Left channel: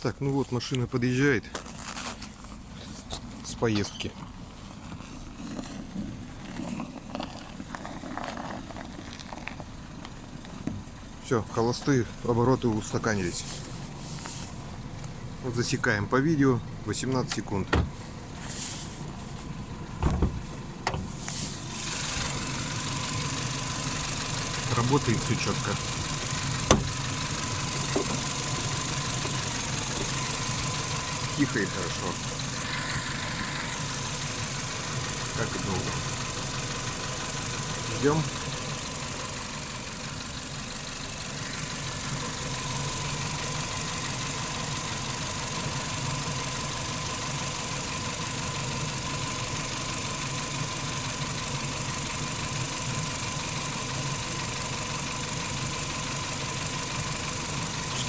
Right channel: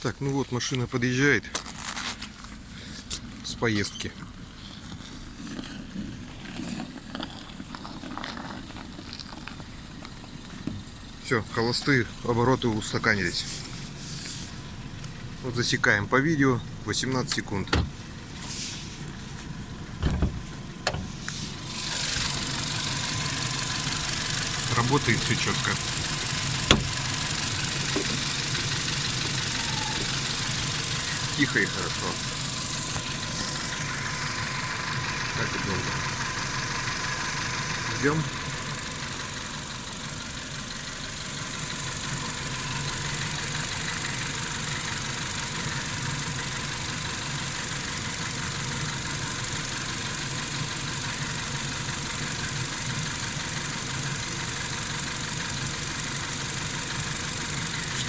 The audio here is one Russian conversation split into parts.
Так, ну вот машина подъезжает с поездки. Все, холостые обороты устаканились. Вот засекаем по видео 18 секунд. Работает все четко. Тихо и хорошо. Так и долго. Ждем.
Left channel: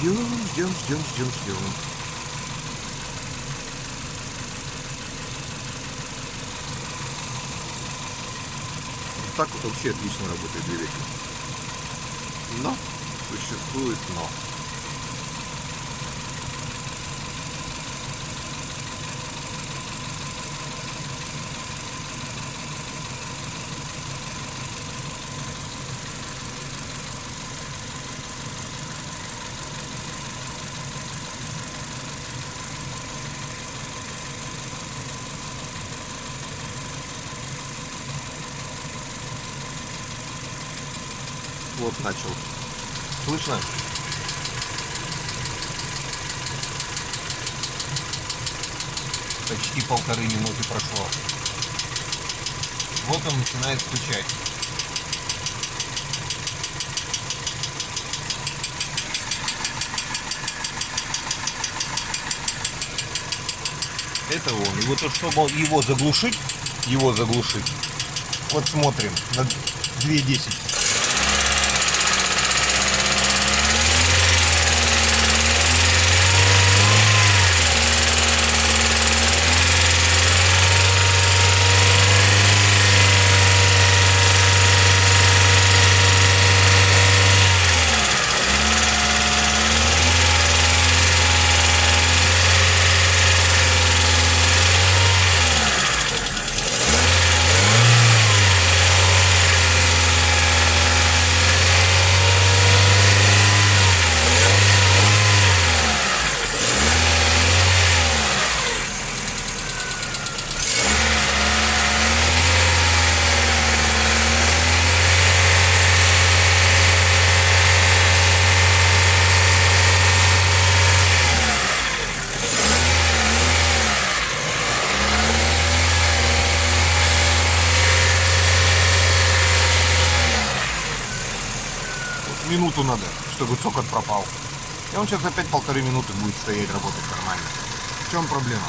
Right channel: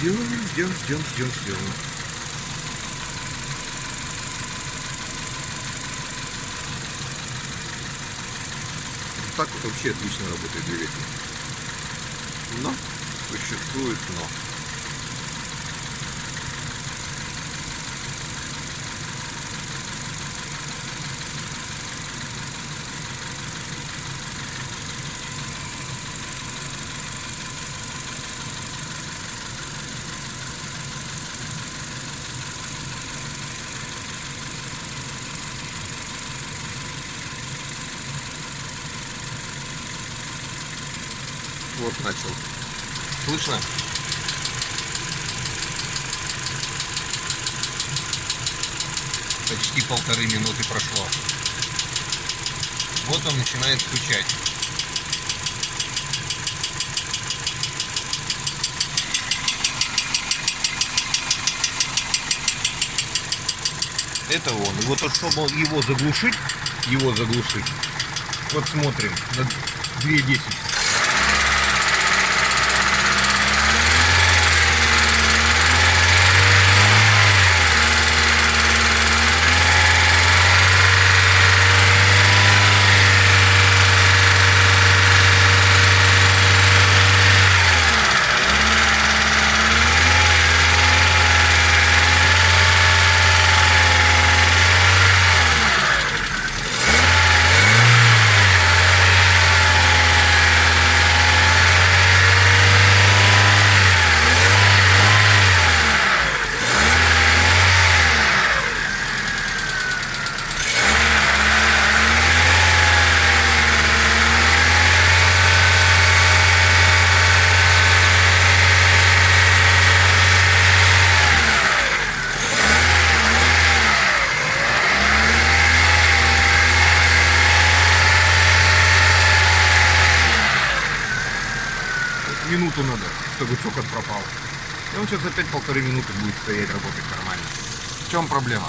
Ждем. Вот так вот вообще отлично работает двигатель. Но существует но. Вот начал. Слышно? Почти 1,5 минуты прошло. Вот он начинает стучать. Это он. И вот чтобы его заглушить, вот смотрим на 2.10. Минуту надо, чтобы цокот пропал. И он сейчас опять 1,5 минуты будет стоять, работать нормально. В чем проблема?